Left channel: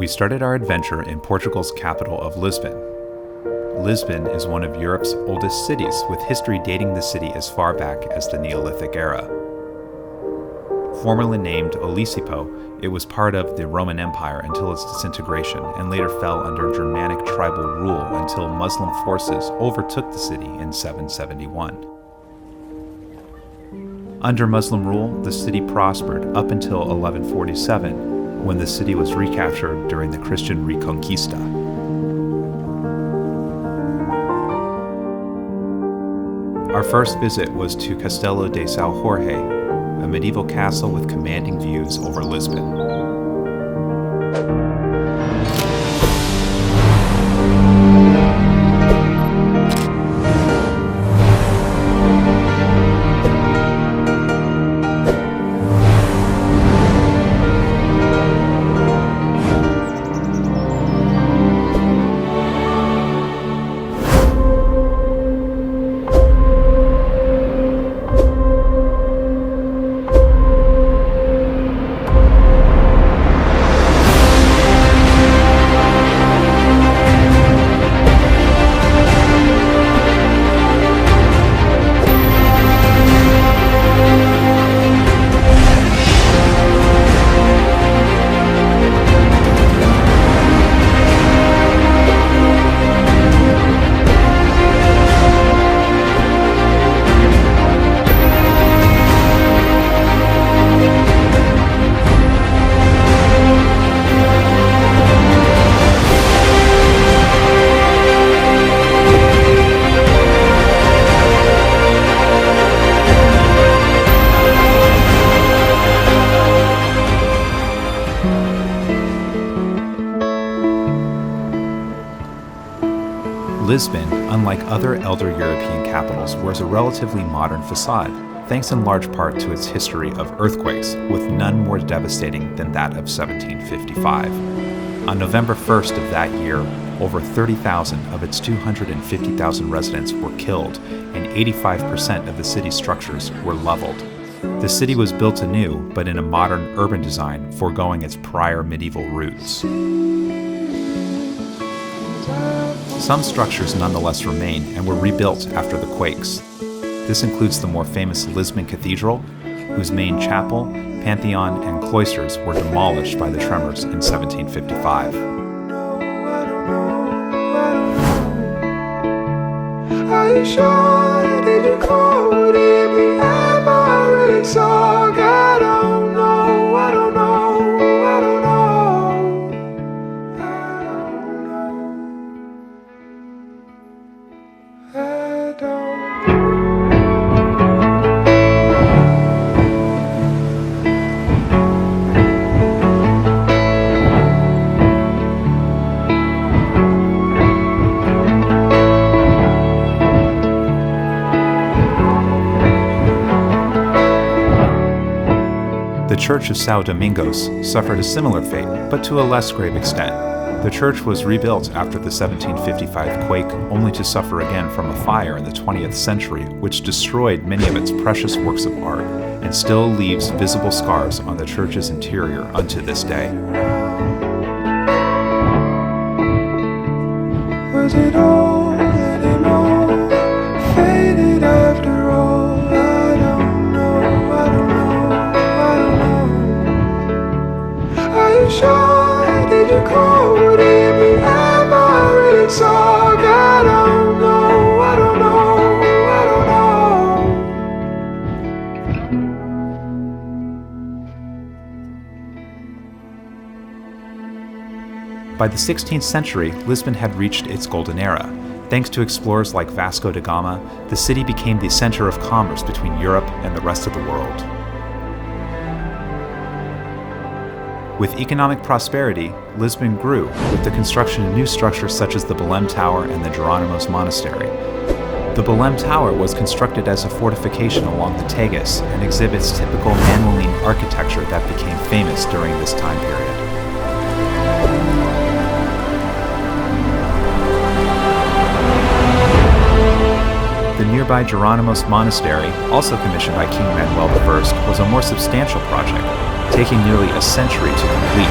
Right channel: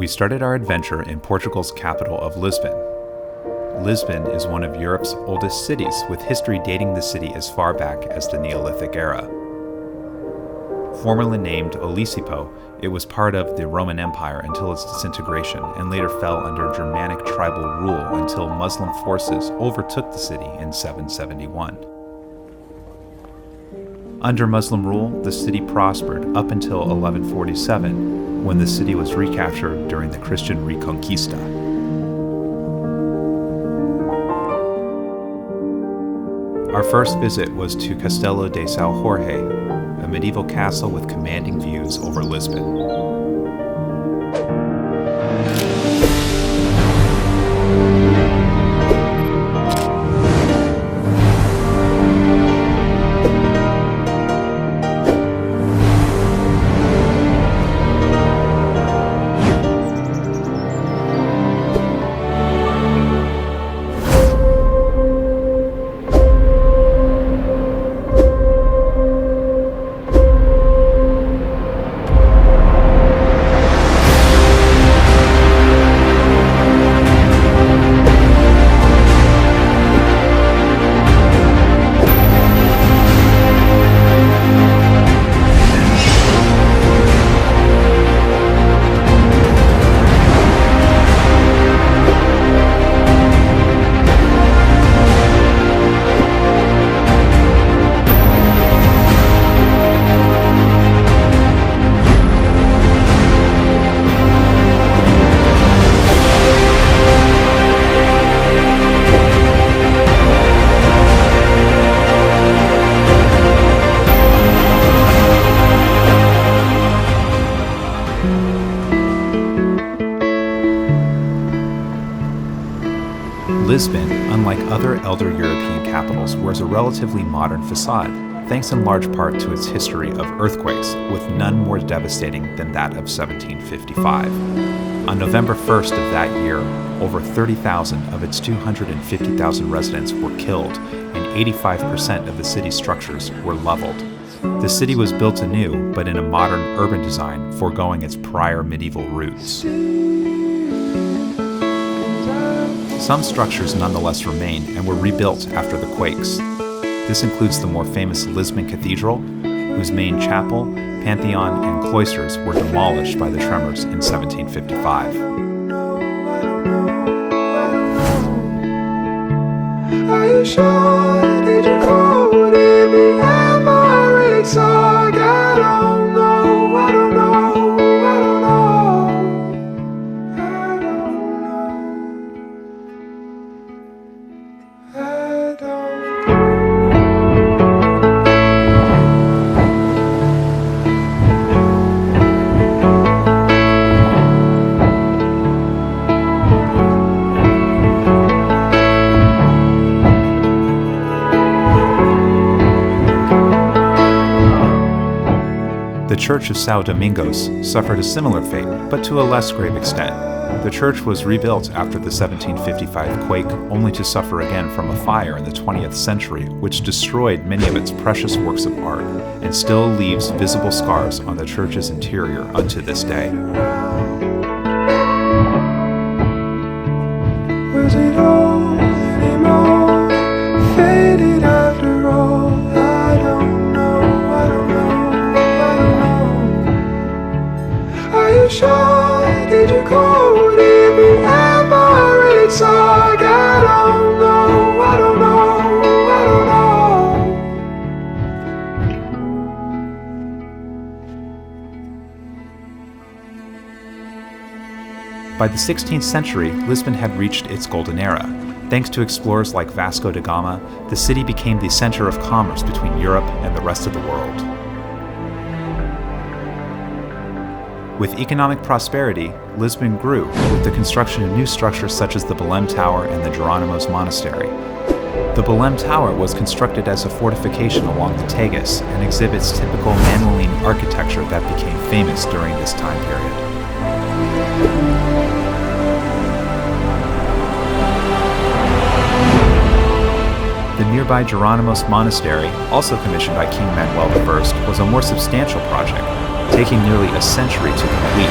We started our adventure in Portugal's capital of Lisbon. Lisbon is one of Europe's oldest cities, with history dating the city as far back as the Neolithic era. Formerly named Olisipo, it was part of the Roman Empire until its disintegration and later fell under Germanic tribal rule until Muslim forces overtook the city in 771. Under Muslim rule, the city prospered up until 1147, when the city was recaptured during the Christian Reconquista. Our first visit was to Castelo de São Jorge, a medieval castle with commanding views over Lisbon. Lisbon, unlike other elder European capitals, wears a relatively modern facade, thanks in large part to its history of earthquakes, with none more devastating than that of 1755. On November 1st of that year, over 30,000 of its 250,000 residents were killed, and 85% of the city's structures were leveled. The city was built anew, but in a modern urban design, foregoing its prior medieval roots. Some structures nonetheless remain and were rebuilt after the quakes. This includes the more famous Lisbon Cathedral, whose main chapel, pantheon, and cloisters were demolished by the tremors in 1755. Are you sure? Did you call? Did we have already talked? I don't know, I don't know, I don't know. The Church of São Domingos suffered a similar fate, but to a less grave extent. The church was rebuilt after the 1755 quake, only to suffer again from a fire in the 20th century, which destroyed many of its precious works of art, and still leaves visible scars on the church's interior unto this day. Was it all anymore? Faded after all? I don't know, I don't know, I don't know. Are you sure? Did you call? Did we have already talked? I don't know, I don't know, I don't know. By the 16th century, Lisbon had reached its golden era. Thanks to explorers like Vasco da Gama, the city became the center of commerce between Europe and the rest of the world. With economic prosperity, Lisbon grew, with the construction of new structures such as the Belém Tower and the Jerónimos Monastery. The Belém Tower was constructed as a fortification along the Tagus and exhibits typical Manueline architecture that became famous during this time period. The nearby Jerónimos Monastery, also commissioned by King Manuel I, was a more substantial project, taking nearly a century to complete.